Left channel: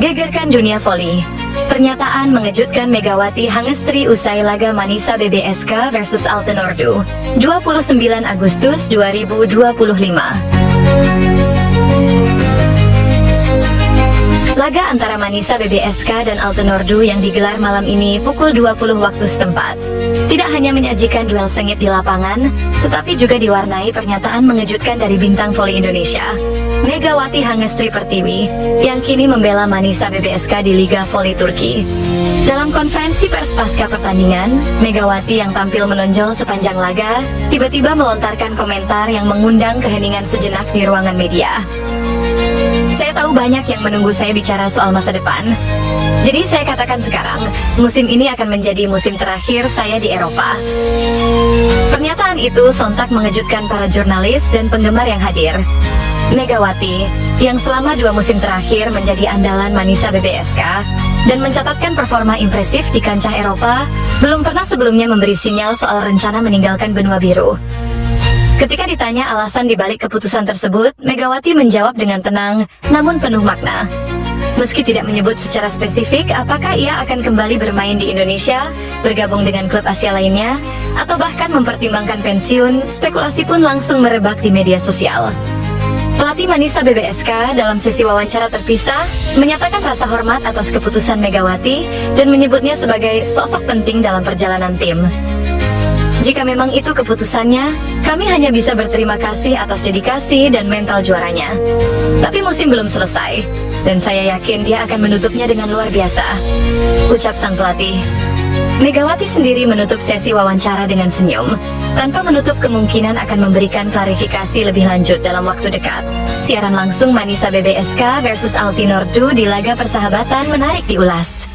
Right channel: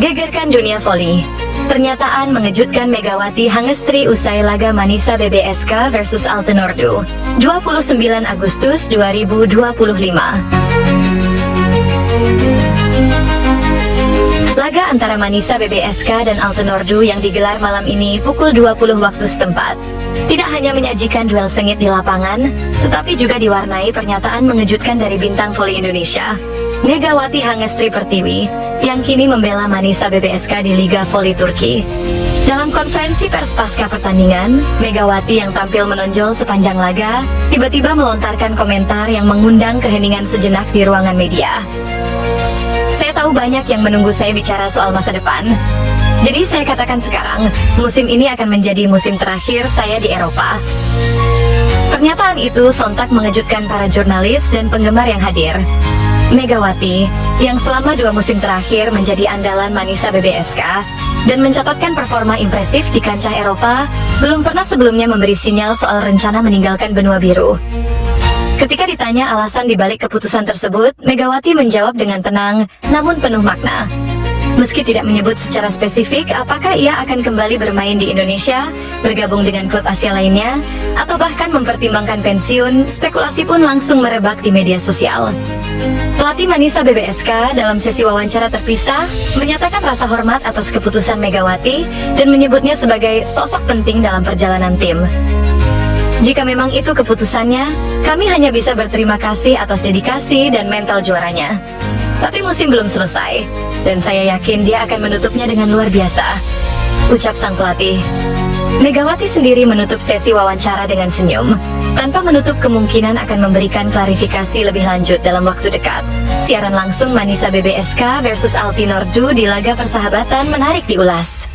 Gegerkan dunia voli. Pernyataan mengejutkan Megawati Hangestri usai laga Manisa BBSK versus Altenordu, 29 Agustus 2025. Laga antara Manisa BBSK dan Altenordu yang digelar malam ini pukul 20 waktu setempat tidak hanya menyajikan duel sengit di lapangan, tetapi juga diwarnai pernyataan mengejutkan dari bintang voli Indonesia, Megawati Hangestri Pertiwi, yang kini membela Manisa BBSK di Liga Voli Turki. Dalam konferensi pers pasca pertandingan, Megawati yang tampil menonjol sepanjang laga, tiba-tiba melontarkan komentar yang mengundang keheningan sejenak di ruangan media. Saya tahu banyak yang menunggu saya bicara soal masa depan. Jadi saya katakan sekarang, musim ini akan menjadi musim terakhir saya di Eropa. Pernyataan itu sontak mengejutkan para jurnalis dan penggemar yang hadir. Megawati, yang selama 2 musim terakhir menjadi andalan Manisa BBSK dan mencatatkan performa impresif di kancah Eropa, belum pernah sebelumnya memberi sinyal soal rencana meninggalkan benua biru. Ketika ditanya alasan dibalik keputusan tersebut, Megawati menjawab dengan tenang, namun penuh makna. Meski tidak menyebut secara spesifik apakah ia akan kembali bermain di Indonesia, bergabung dengan klub Asia lainnya, atau bahkan mempertimbangkan pensiun, spekulasi pun langsung merebak di media sosial. Pelatih Manisa BBSK dalam sesi wawancara terpisah menyatakan rasa hormat atas keputusan Megawati dan menyebutnya sebagai sosok penting dalam perjalanan tim. Jika memang itu keputusannya, kami hanya bisa berterima kasih atas dedikasi dan mental juaranya. Tapi musim belum selesai, dan saya yakin dia akan menutupnya dengan luar biasa, ucap sang pelatih. Megawati sendiri menutup sesi wawancara dengan senyum, tanpa menutup kemungkinan akan memberikan klarifikasi lebih lanjut dalam waktu dekat. Siaran langsung Manisa BBSK versus Altenordu di laga persahabatan menarik diulas.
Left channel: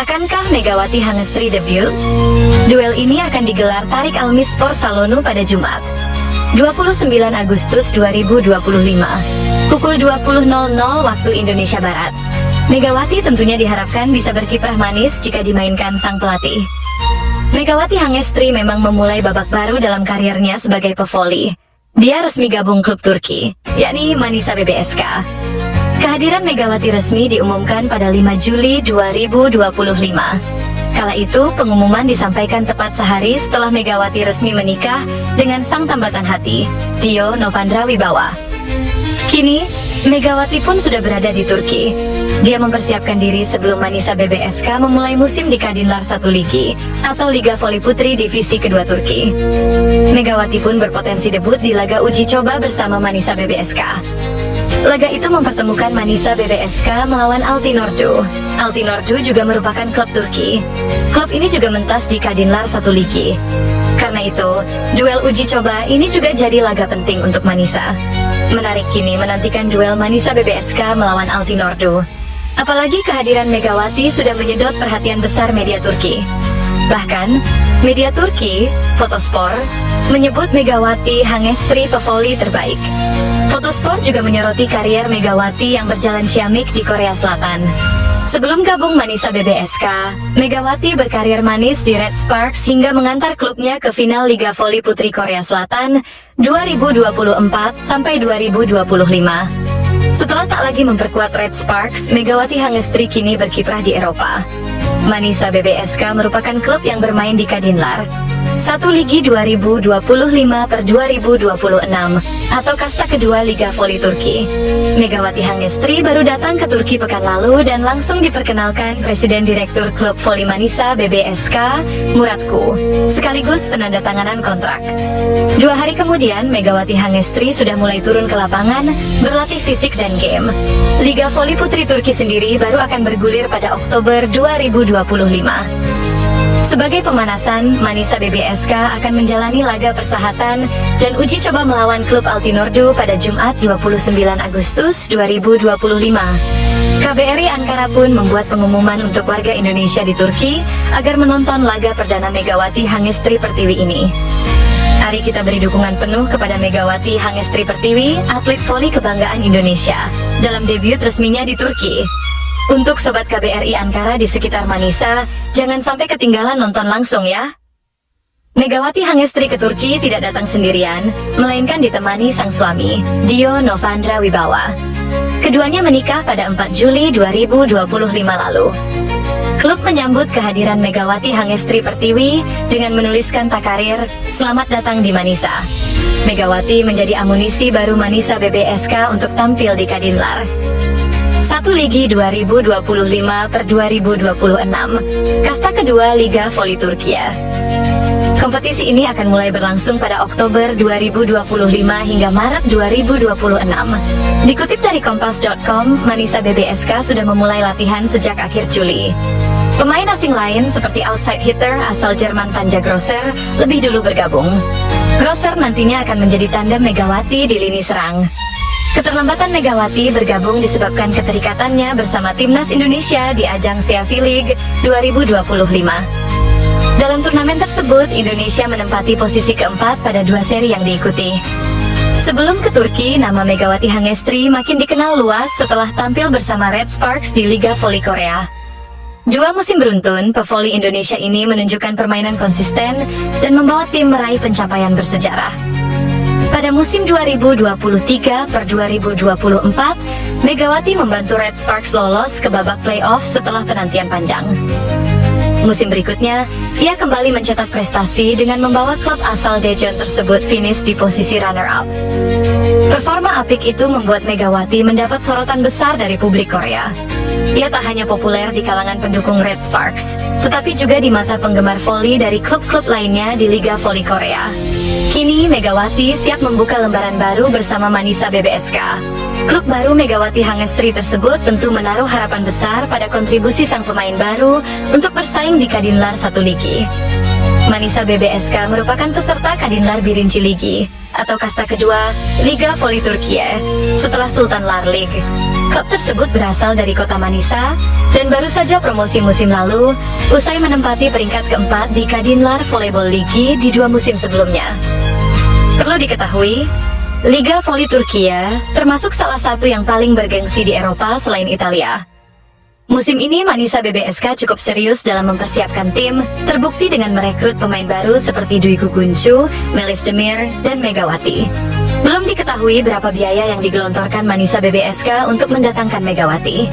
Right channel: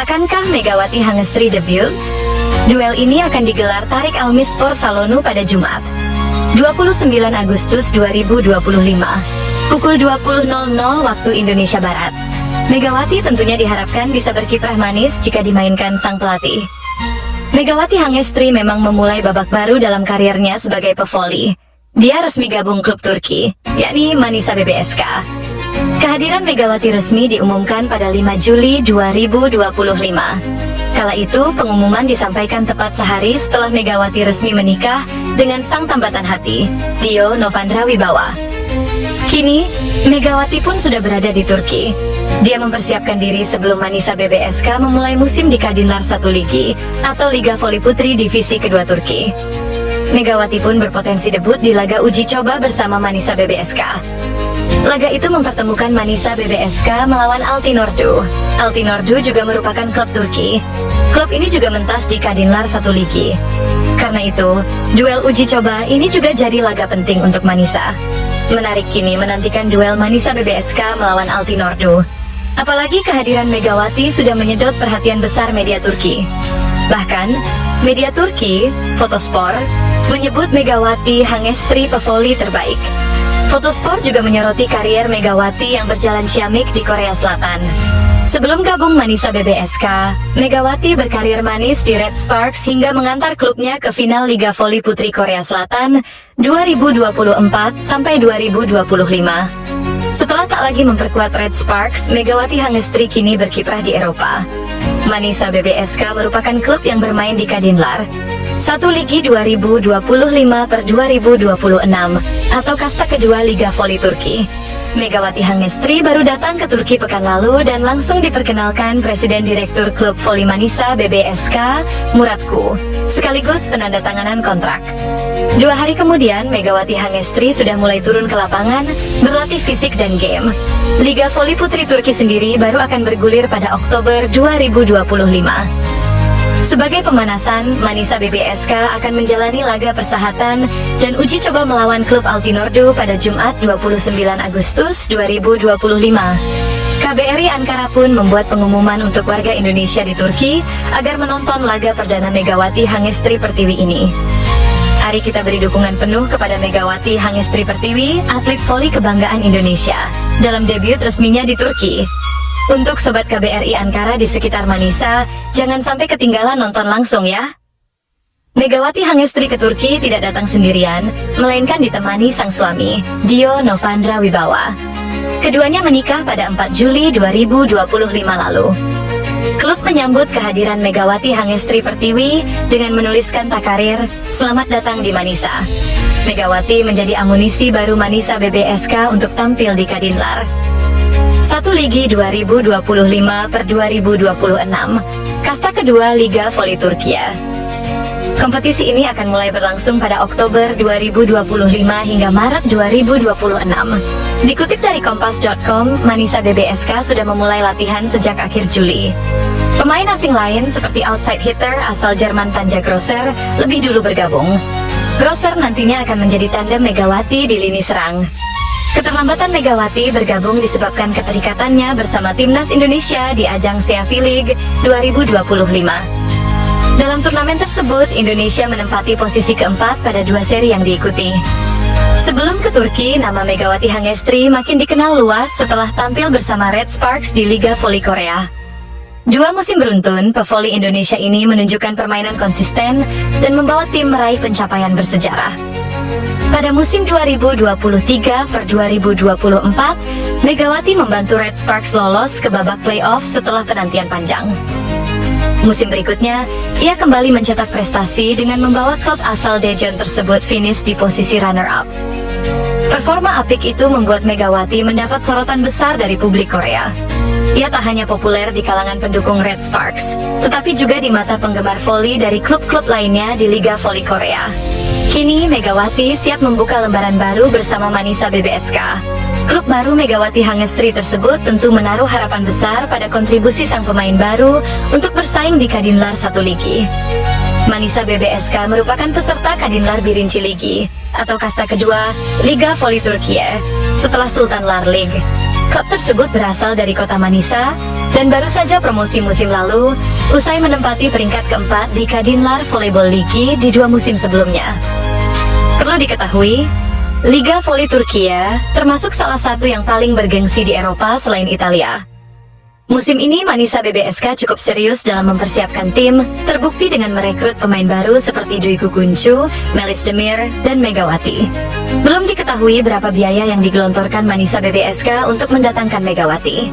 Akankah Megawati Hangestri debut? Duel ini akan digelar Tarik Almispor Salonu pada Jumat, 29 Agustus 2025, pukul 20.00 waktu Indonesia Barat. Megawati tentunya diharapkan bisa berkiprah manis jika dimainkan sang pelatih. Megawati Hangestri memang memulai babak baru dalam karirnya sebagai pevoli. Dia resmi gabung klub Turki, yakni Manisa BBSK. Kehadiran Megawati resmi diumumkan pada 5 Juli 2025. Kala itu, pengumuman disampaikan tepat sehari setelah Megawati resmi menikah dengan sang tambatan hati, Dio Novandra Wibawa. Kini, Megawati pun sudah berada di Turki. Dia mempersiapkan diri sebelum Manisa BBSK memulai musim di Kadinlar 1 Ligi, atau Liga Voli Putri Divisi Kedua Turki. Megawati pun berpotensi debut di laga uji coba bersama Manisa BBSK. Laga itu mempertemukan Manisa BBSK melawan Altenordu. Altenordu juga merupakan klub Turki. Klub ini juga mentas di Kadinlar 1 Ligi. Karena itu, duel uji coba ini juga jadi laga penting untuk Manisa. Menarik kini menantikan duel Manisa BBSK melawan Altenordu. Apalagi kehadiran Megawati sudah menyedot perhatian besar media Turki. Bahkan, media Turki, Fotospor, menyebut Megawati Hangestri pevoli terbaik. Fotospor juga menyoroti karier Megawati yang berjalan ciamik di Korea Selatan. Sebelum gabung Manisa BBSK, Megawati berkarir manis di Red Sparks hingga mengantar klubnya ke final Liga Voli Putri Korea Selatan 2024 sampai 2025. Setelah tak lagi memperkuat Red Sparks, Megawati Hangestri kini berkiprah di Eropa. Manisa BBSK merupakan klub yang bermain di Kadinlar 1 Ligi 2025/2026 atau kasta kedua Liga Voli Turki. Megawati Hangestri baru datang ke Turki pekan lalu dan langsung diperkenalkan Presiden Direktur Klub Voli Manisa BBSK, Muratku, sekaligus penandatanganan kontrak. 2 hari kemudian, Megawati Hangestri sudah mulai turun ke lapangan, berlatih fisik dan game. Liga Voli Putri Turki sendiri baru akan bergulir pada Oktober 2025. Sebagai pemanasan, Manisa BBSK akan menjalani laga persahabatan dan uji coba melawan klub Altenordu pada Jumat 29 Agustus 2025. KBRI Ankara pun membuat pengumuman untuk warga Indonesia di Turki agar menonton laga perdana Megawati Hangestri Pertiwi ini. Mari kita beri dukungan penuh kepada Megawati Hangestri Pertiwi, atlet voli kebanggaan Indonesia, dalam debut resminya di Turki. Untuk Sobat KBRI Ankara di sekitar Manisa, jangan sampai ketinggalan nonton langsung ya. Megawati Hangestri ke Turki tidak datang sendirian, melainkan ditemani sang suami, Dio Novandra Wibawa. Keduanya menikah pada 4 Juli 2025 lalu. Klub menyambut kehadiran Megawati Hangestri Pertiwi dengan menuliskan takarir, "Selamat datang di Manisa." Megawati menjadi amunisi baru Manisa BBSK untuk tampil di Kadinlar. 1 Ligi 2025/2026, kasta kedua Liga Voli Turkiye. Kompetisi ini akan mulai berlangsung pada Oktober 2025 hingga Maret 2026. Dikutip dari Kompas.com, Manisa BBSK sudah memulai latihan sejak akhir Juli. Pemain asing lain seperti outside hitter asal Jerman Tanja Grosser lebih dulu bergabung. Grosser nantinya akan menjadi tandem Megawati di lini serang. Keterlambatan Megawati bergabung disebabkan keterikatannya bersama Timnas Indonesia di ajang SEAFI League 2025. Dalam turnamen tersebut, Indonesia menempati posisi keempat pada 2 seri yang diikuti. Sebelum ke Turki, nama Megawati Hangestri makin dikenal luas setelah tampil bersama Red Sparks di Liga Voli Korea. 2 musim beruntun, pevoli Indonesia ini menunjukkan permainan konsisten dan membawa tim meraih pencapaian bersejarah. Pada musim 2023/2024, Megawati membantu Red Sparks lolos ke babak playoff setelah penantian panjang. Musim berikutnya, ia kembali mencetak prestasi dengan membawa klub asal Daejeon tersebut finish di posisi runner-up. Performa apik itu membuat Megawati mendapat sorotan besar dari publik Korea. Ia tak hanya populer di kalangan pendukung Red Sparks, tetapi juga di mata penggemar voli dari klub-klub lainnya di Liga Voli Korea. Kini, Megawati siap membuka lembaran baru bersama Manisa BBSK. Klub baru Megawati Hangestri tersebut tentu menaruh harapan besar pada kontribusi sang pemain baru untuk bersaing di Kadinlar 1 Ligi. Manisa BBSK merupakan peserta Kadinlar Birinci Ligi, atau kasta kedua Liga Voli Turkiye, setelah Sultan Lar League. Klub tersebut berasal dari kota Manisa, dan baru saja promosi musim lalu, usai menempati peringkat keempat di Kadinlar Volleyball Ligi di 2 musim sebelumnya. Perlu diketahui, Liga Voli Turkiye termasuk salah satu yang paling bergengsi di Eropa selain Italia. Musim ini Manisa BBSK cukup serius dalam mempersiapkan tim, terbukti dengan merekrut pemain baru seperti Dwi Guguncu, Melis Demir, dan Megawati. Belum diketahui berapa biaya yang digelontorkan Manisa BBSK untuk mendatangkan Megawati.